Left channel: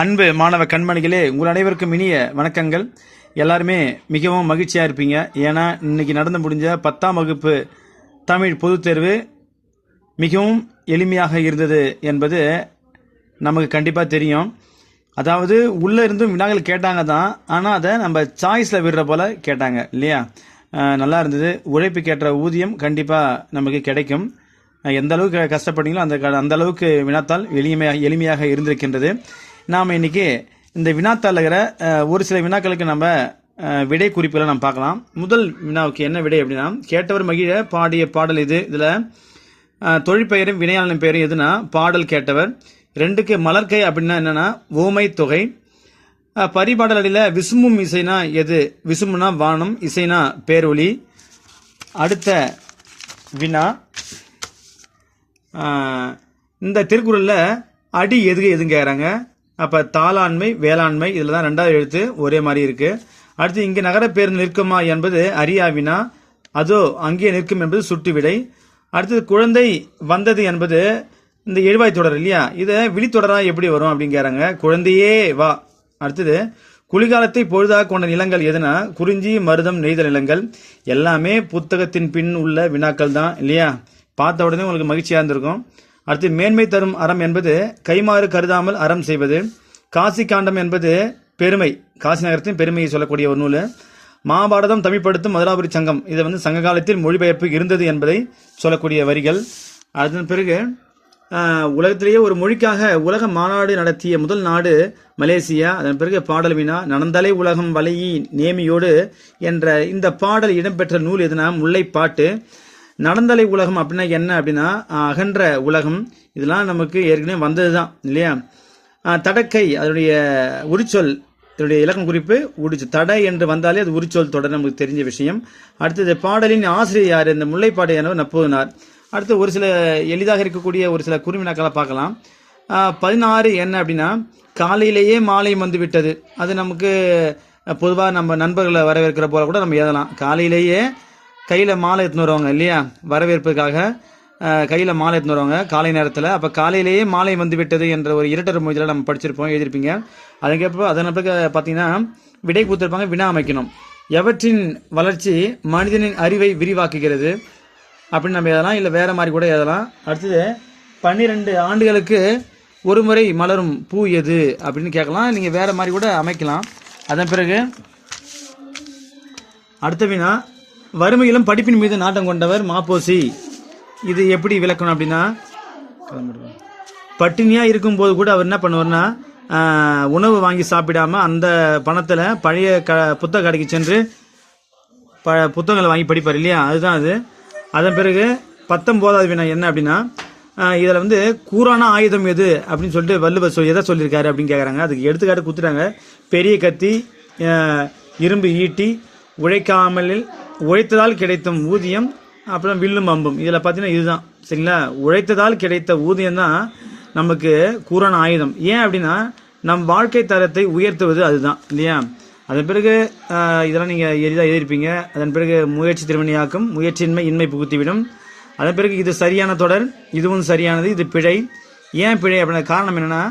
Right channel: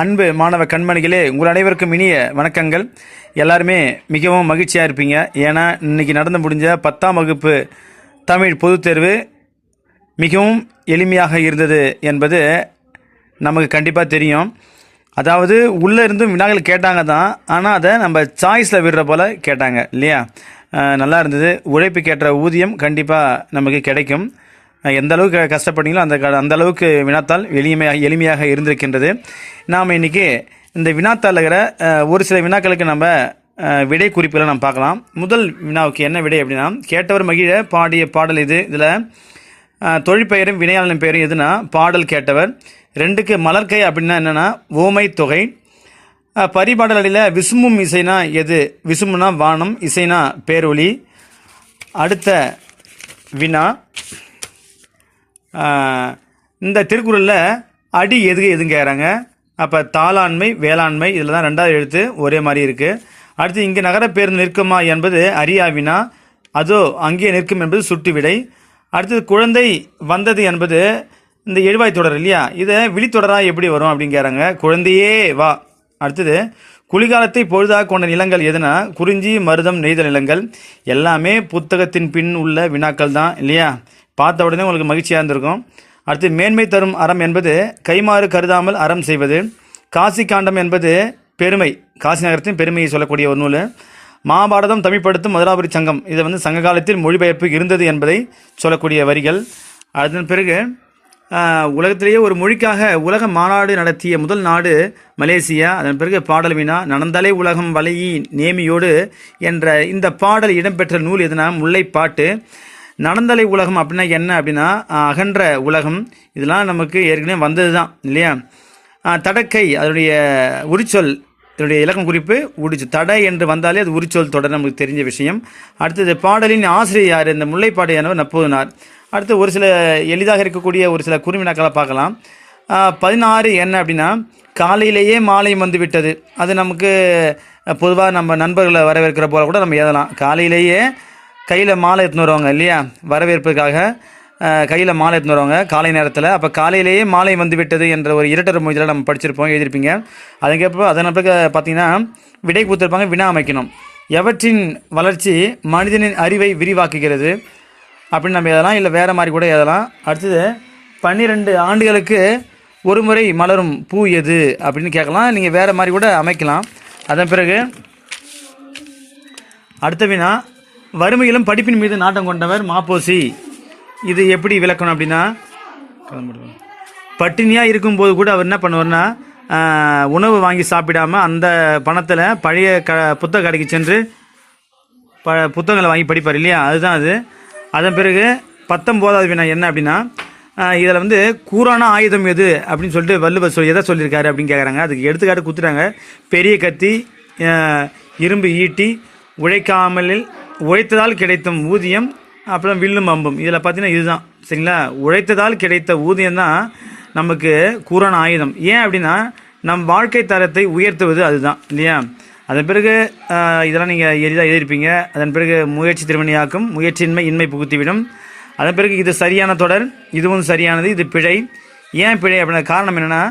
அன்பு மாணவ கண்மணிகளே உங்கள் அனைவருக்கும் இனிய வணக்கங்கள். எல்லாருமே மிகவும் மகிழ்ச்சியாக இருப்பீங்க. ஏன்னா இன்னைக்கு நடந்து முடிஞ்ச பத்தாம் வகுப்பு தமிழ் பொதுத் தேர்வு மிகவும் எளிமையாக இருந்தது என்பது நமக்கு கண்டிப்பாக தெரியும். அதாவது உள்ளே இருந்தும் வினாக்கள் கேட்டாங்க தான். ஆனால் அதை நம்ம சாய்ஸில் விடுற போல் கேட்டாங்க இல்லையா? நல்லா இருந்தது. உழைப்பு கேட்ட ஊதியம் கண்டிப்பாக நமக்கு கிடைக்கும். எந்த அளவுக்கு கஷ்டப்பட்டீங்களோ அந்த க- அந்த அளவுக்கு வினாத்தாள் எளிமையாக எளிமையாக இருந்திருக்கின்றது. நாம் இன்னைக்கு இந்த வினாத்தாள் இருக்கிற ஒரு சில வினாக்களுக்கு நம்ம விடை குறிப்புகளை நம்ம பார்க்கலாம். முதல் வினாவுக்கு என்ன விடை அப்படின்னா கேட்டவர் மகிழ பாடிய பாடல் இது இதில் தொழிற்பெயரும் வினையாளன் பெயரும் எதுனா பாடல் கேட்டவர். ரெண்டுக்கு மலர்கை அப்படின்னா என்னன்னா ஓமை தொகை. பரிபாடலில் பரிபாடல் அடியில் விசும்பும் இசைனா எது? விசும்புனா வானம் இசைனா பேரொளி. அடுத்த வினா இந்த திருக்குறளில் அடி எதுக்கு எதுங்கிறாங்க கேட்குறாங்க அப்போ தாளாண்மை வேளாண்மை இதில் தான் ரெண்டாவது எழுத்து ஒரே மாதிரி இருக்குது அடுத்து இங்கே நகர பேருந்து நிற்குமா என்பது அறியாவினா அதோ அங்கே நிற்கும் என்பது சுட்டு விடை அடுத்தது குழந்தை வந்தது என்பது இந்த எழுவாய் தொடர் இல்லையா? இதை விழித்தொடராக எப்படி வரும் அப்படின்னு கேட்குறாங்க குழந்தையே வா. அடுத்தது குளிர்காலத்தை பொழுதாக கொண்ட நிலங்கள் எதுனா? குறிஞ்சி மருதம் நெய்தல் நிலங்கள். எல்லாமே புத்தகத்தின் பின் உள்ள வினாக்கள் தான் இல்லையா? பார்த்த உடனே உங்களுக்கு மகிழ்ச்சியாக இருந்திருக்கும். அடுத்து மேன்மை தரும் அறம் என்பது கைமாறு கருதாமல் அறம் செய்வது. காசி காண்டம் என்பது பெருமை. காசி நகரத்தின் பெருமையை சொல்லக்கூடிய ஒரு நூல். மகாபாரதம் தமிழ்படுத்தும் மதுராபுரி சங்கம். இது வந்து சங்க காலத்தில் மொழிபெயர்ப்பு இருந்தது என்பதை சொல்லக்கூடிய வரிகள். அதன் பிறகு உலகத்திலேயே ஒரு மொழிக்காக உலக மாநாடு நடத்திய முதல் நாடு மலேசியா. அதன் பிறகு பாடல் வினா நடந்தாலே உலகம் வலையி நேமியோடு என்ற இந்த பாடல் இடம்பெற்ற நூல் எதுனா முல்லைப்பாட்டு. நடந்தலை உலகம் அப்படின்னா என்ன அப்படின்னா அகன்ற உலகம். இதெல்லாம் நமக்கு ஏற்கனவே வந்தது தான் இல்லையா தடக்கை அதனுடைய உரிச்சொல் இதனுடைய இலக்கம் குறிப்பு உடிச்சு தடை என்று வந்தாலே அது உரிச்சொல் தொடர் நமக்கு தெரிஞ்ச விஷயம். அடுத்தது பாடலின் ஆசிரியர் யார்? இந்த முல்லைப்பாடு எனவர் நப்போதனார். அடுத்து ஒரு சில எளிதாக இருக்கக்கூடிய ஒரு சில குறுமினாக்களை பார்க்கலாம். பதினாறு என்ன அப்படின்னா காலையிலேயே மாலை வந்து விட்டது அது நமக்கு பொதுவாக நம்ம நண்பர்களை வரவேற்கிற போல கூட நம்ம எழுதலாம் காலையிலேயே கையில் மாலை எடுத்துன்னு வருவாங்க இல்லையா? வரவேற்புக்காக கையில் மாலை எடுத்துன்னு வருவாங்க. காலை நேரத்தில். அப்போ காலையிலேயே மாலை வந்து விட்டது என்ற ஒரு இரட்டர் மொழியில் நம்ம படிச்சிருப்போம் எழுதியிருப்பீங்க. அதுக்கப்புறம் அதன் பிறகு பார்த்தீங்கன்னா விடை கொடுத்துருப்பாங்க வினா அமைக்கணும். எவற்றின் வளர்ச்சி மனிதனின் அறிவை விரிவாக்குகிறது? அப்படின்னு நம்ம எழுதலாம். இல்லை வேறு மாதிரி கூட எழுதலாம். அடுத்தது பன்னிரெண்டு ஆண்டுகளுக்கு ஒரு முறை மலரும் பூ எது? அப்படின்னு கேட்கலாம். நீங்கள் வேறு மாதிரி கூட அமைக்கலாம். அதன் பிறகு அடுத்த வினா வறுமையிலும் படிப்பின் மீது நாட்டம் கொண்டவர் மாப்போசி. இது எப்படி விளக்கணும் அப்படின்னா பட்டினியாக இருக்கும்போது கூட அவர் என்ன பண்ணுவார்னா உணவு வாங்கி சாப்பிடாம அந்த பணத்தில் பழைய க புத்தக கடைக்கு சென்று ப புத்தகங்களை வாங்கி படிப்பார் இல்லையா? அதுதான் அது. அதன் பிறகு பத்தொம்போதாவது வினா என்ன அப்படின்னா இதில் வந்து கூரான ஆயுதம் எது அப்படின்னு சொல்லிட்டு வள்ளுவர் சொல் எதை சொல்லியிருக்காரு அப்படின்னு கேட்குறாங்க அதுக்கு எடுத்துக்காட்டு கொடுத்துட்டாங்க. பெரிய கத்தி இரும்பு ஈட்டி உழைக்காமலில் உழைத்ததால் கிடைத்தும் ஊதியம் அப்புறம் வில்லும் அம்பும். இதில் பார்த்தீங்கன்னா இதுதான். சரிங்களா? உழைத்ததால் கிடைத்த ஊதியம் தான் நமக்கு கூரான ஆயுதம். ஏன் அப்படின்னா நம் வாழ்க்கை தரத்தை உயர்த்துவது அதுதான். இல்லையா? அதன் பிறகு இதெல்லாம் நீங்கள் எளிதாக எழுதியிருப்பீங்க. அதன் பிறகு முயற்சி திருமணியாக்கும் முயற்சியின்மை இன்மை புகுத்திவிடும். அதன் பிறகு இது சரியான தொடர் இதுவும் சரியானது இது பிழை. ஏன் பிழை அப்படின்னா காரணம் என்னென்னா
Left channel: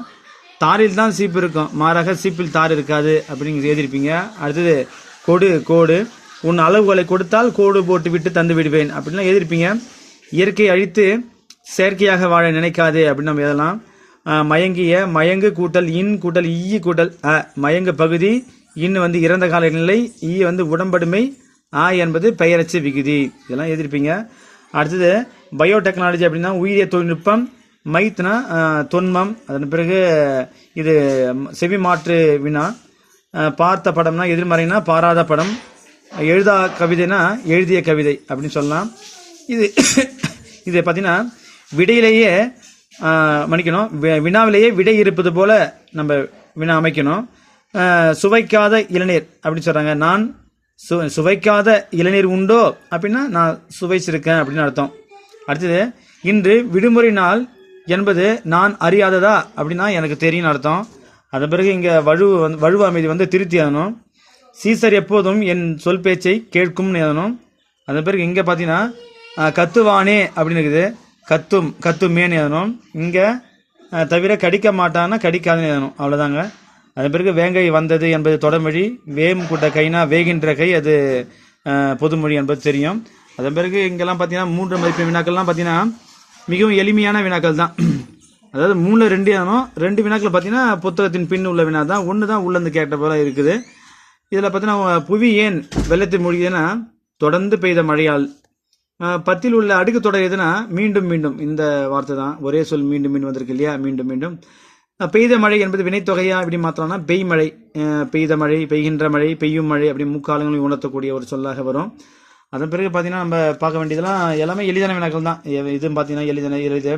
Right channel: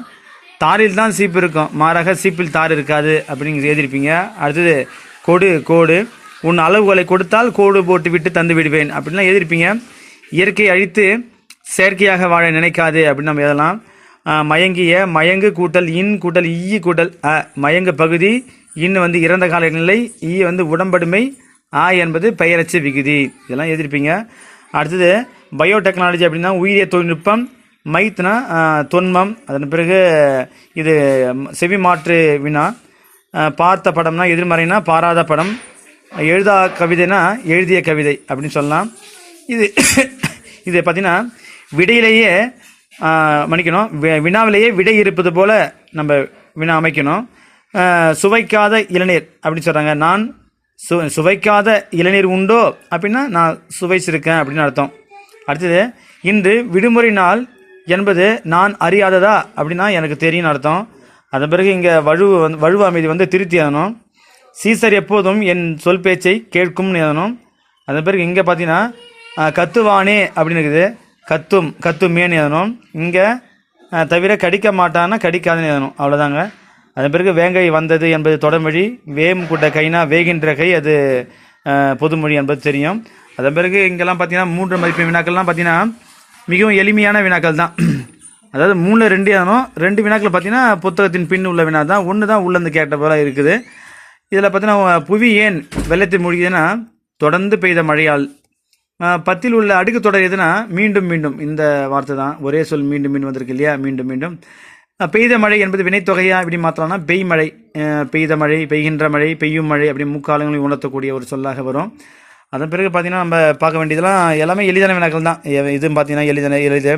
தாரில் தான் சீப்பு இருக்கும். மாறாக சீப்பில் தார் இருக்காது அப்படின்னு எழுதியிருப்பீங்க. அடுத்தது கொடு கோடு. உன் அளவுகளை கொடுத்தால் கோடு போட்டு விட்டு தந்து விடுவேன். அப்படின்லாம் எழுதியிருப்பீங்க இயற்கையை அழித்து செயற்கையாக வாழ நினைக்காது அப்படின்னு நம்ம எதெல்லாம்? மயங்கிய மயங்கு கூட்டல் இன் கூட்டல் ஈ கூட்டல் அ மயங்கு பகுதி இன் வந்து இறந்த கால நிலை ஈ வந்து உடம்படுமை ஆ என்பது பெயரச்சு விகுதி. இதெல்லாம் எதிர்ப்பீங்க. அடுத்தது பயோடெக்னாலஜி அப்படின்னா உயிரிய தொழில்நுட்பம் மைத்னா தொன்மம் அதன் பிறகு இது செவி மாற்று வினா பார்த்த படம்னா எதிர்மறைனா பாராத படம் எழுதா கவிதைனா எழுதிய கவிதை அப்படின்னு சொல்லலாம். இது இது பார்த்தீங்கன்னா விடையிலேயே மன்னிக்கணும் வி- வினாவிலேயே விடை இருப்பது போல நம்ம வினா அமைக்கணும். சுவைக்காத இளநீர் அப்படின்னு சொல்கிறாங்க நான் சு சுவைக்காத இளநீர் உண்டோ அப்படின்னா நான் சுவைச்சிருக்கேன் அப்படின்னு அர்த்தம். அடுத்தது இன்று விடுமுறை நாள் என்பது நான் அறியாததா அப்படின்னா எனக்கு தெரியும்னு அர்த்தம். அதன் பிறகு இங்கே வழுவு வந்து வழுவு அமைதி வந்து திருத்தி ஆகணும். சீசர் எப்போதும் என் சொல் பேச்சை கேட்கும்னு எழுதணும் அதன் பிறகு இங்கே பார்த்தீங்கன்னா கத்துவானே அப்படின்னு இருக்குது. கத்தும் கத்துமேன்னு எழுதணும் இங்கே தவிர கடிக்க மாட்டான்னா கடிக்காதுன்னு எழுதணும் அவ்வளோதாங்க அதன் பிறகு வேங்கை வந்தது என்பது தொடமொழி வேம் கூட்ட கைனா வேகின்ற கை அது பொதுமொழி என்பது தெரியும். அதன் பிறகு இங்கெல்லாம் பார்த்தீங்கன்னா மூன்று மதிப்பு வினாக்கள்லாம் பார்த்தீங்கன்னா மிகவும் எளிமையான வினாக்கள் தான். அதாவது மூணில் ரெண்டு ஆனும் ரெண்டு வினாக்கள் பார்த்தீங்கன்னா புத்தகத்தின் பின் உள்ள வினா தான் ஒன்று தான் உள்ளேருந்து கேட்ட போல இருக்குது. இதில் பார்த்தீங்கன்னா புவி ஏன் வெள்ளத்தில் மூழ்கியதுன்னா தொடர்ந்து பெய்த மழையால். பத்தில் உள்ள அடுக்கு தொடர் எதுனா மீண்டும் மீண்டும் இந்த வார்த்தை தான் ஒரே சொல் மீண்டும் மீண்டும் வந்திருக்கு இல்லையா? மீண்டும் மீண்டும். பெய்த மழை என்பது வினைத்தொகையா எப்படி மாற்றலாம்னா பெய் மழை. பெய்த மழை பெய்கின்ற மழை பெய்யும் மழை அப்படி முக்காலங்களையும் உணர்த்தக்கூடிய ஒரு சொல்லாக வரும். அதன் பிறகு பார்த்தீங்கன்னா நம்ம பார்க்க வேண்டியதெல்லாம் எல்லாமே எளிதான வினாக்கள் தான். எ- இதுவும் பார்த்தீங்கன்னா எளிதான எளிது.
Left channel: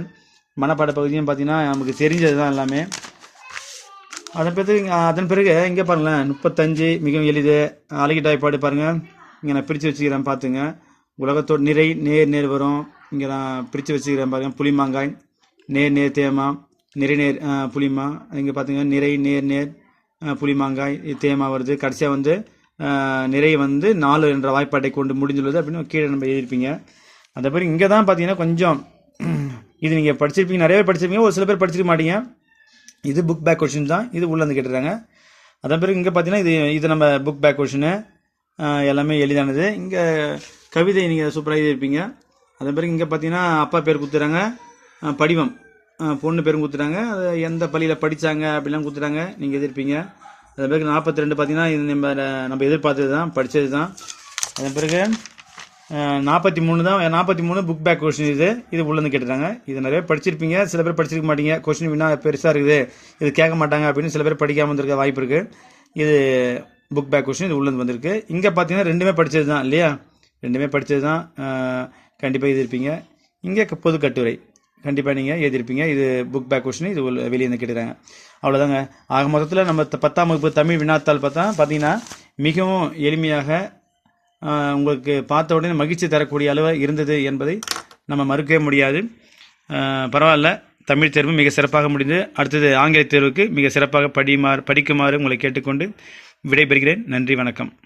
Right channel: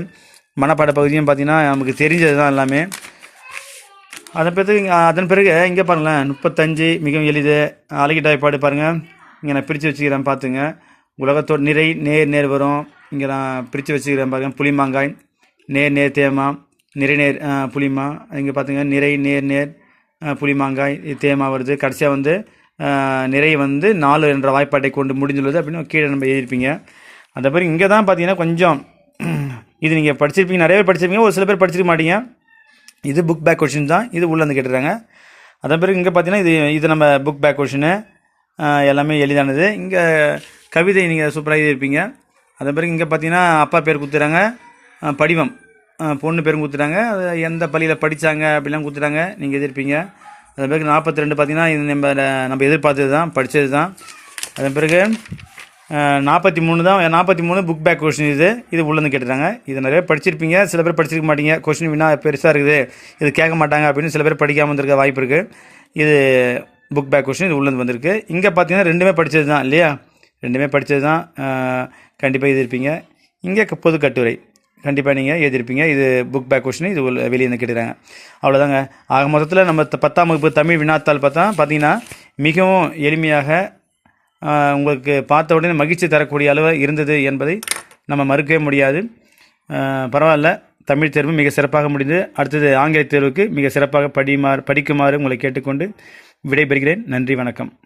மனப்பாட பகுதியும் பார்த்தீங்கன்னா நமக்கு தெரிஞ்சது தான் எல்லாமே. அதன் பிறகு அதன் பிறகு இங்கே பாருங்களேன் முப்பத்தஞ்சு மிகவும் எளிது. அழகிட்டாய்ப்பாடு பாருங்கள் இங்கே நான் பிரித்து வச்சுக்கிறேன் பார்த்துங்க. உலகத்தோட நிறை நேர் நேர் வரும். இங்கே நான் பிரித்து வச்சுக்கிறேன் பாருங்கள் புளிமாங்காய் நேர் நேர் தேமா. நிறை நேர் புளிமா இங்கே பார்த்துங்க நிறை நேர் நேர் புளிமாங்காய் தேமா வருது. கடைசியாக வந்து நிறைய நிறை வந்து நாலு என்ற வாய்ப்பாட்டை கொண்டு முடிஞ்சுள்ளது அப்படின்னு கீழே நம்ம எழுதியிருப்பீங்க. அந்த பிறகு இங்கே தான் பார்த்தீங்கன்னா கொஞ்சம் இது நீங்கள் படிச்சிருப்பீங்க நிறைய பேர் படிச்சிருப்பீங்க ஒரு சில பேர் படிச்சிருக்க மாட்டீங்க. இது புக் பேக் கொஷின் தான். இது உள்ளே வந்து கேட்டுருக்காங்க. அதன் பிறகு இங்கே பார்த்தீங்கன்னா இது இது நம்ம புக் பேக் கொஷினு எல்லாமே எளிதானது. இங்கே கவிதை நீங்கள் சூப்பராக எழுதியிருப்பீங்க அதன் பிறகு இங்கே பார்த்தீங்கன்னா அப்பா பேர் கொடுத்துறாங்க படிவம். பொண்ணு பேரும் கொடுத்துட்டாங்க. அது எந்த பள்ளியில் படித்தாங்க அப்படிலாம் கொடுத்துட்டாங்க. நீங்கள் எதிர்ப்பீங்க. அதன் பிறகு நாற்பத்தி ரெண்டு பார்த்தீங்கன்னா இது நம்ம நம்ம எதிர்பார்த்தது தான் படித்தது தான் அதன் பிறகு நாற்பத்தி மூணு தான் நாற்பத்தி மூணு புக் பேக் கொஷின் இது. இது உள்ளேருந்து கேட்டுறாங்க இது நிறைய படிச்சிருப்பீங்க. சில பேர் படிச்சிருக்க மாட்டீங்க. கொஷின் வினா பெருசாக இருக்குது. இது கேட்க மாட்டாங்க அப்படின்னு சில பேர் படிக்காமல் வந்திருக்க வாய்ப்பு இருக்குது இது புக் பேக் கொஷின் இது உள்ளேருந்து வந்திருக்கு. இங்கே பார்த்தீங்கன்னா ரெண்டுமே படித்தது தான் இல்லையா? ரெண்டுமே படித்தது தான். கண்டிப்பாக எழுதியிருப்பீங்க இங்கே பொது கட்டுரை. கண்டிப்பாக நீங்கள் எழுதியிருப்பீங்க இது புக் பேக் கொஷின் இது உள்ள வெளியே வந்து கேட்டுறாங்க அவ்வளோதாங்க ஆக மொத்தத்தில் நம்ம பத்தாம் வகுப்பு தமிழ் வினாத்தாள் பார்த்தா பார்த்தீங்கன்னா மிகவும் எளிமையாக உங்களுக்கு பார்த்த உடனே மகிழ்ச்சி தரக்கூடிய அளவு இருந்தது என்பதை நம்ம மறுக்கவே முடியாது. பரவாயில்ல. தமிழ் தேர்வு மிக சிறப்பாக முடிந்தது. அடுத்தது ஆங்கில தேர்வுக்கு மிக சிறப்பாக படியுமாறு படிக்குமாறு உங்களை கேட்டுக்கொண்டு விடைபெறுகிறேன். நன்றி வணக்கம்.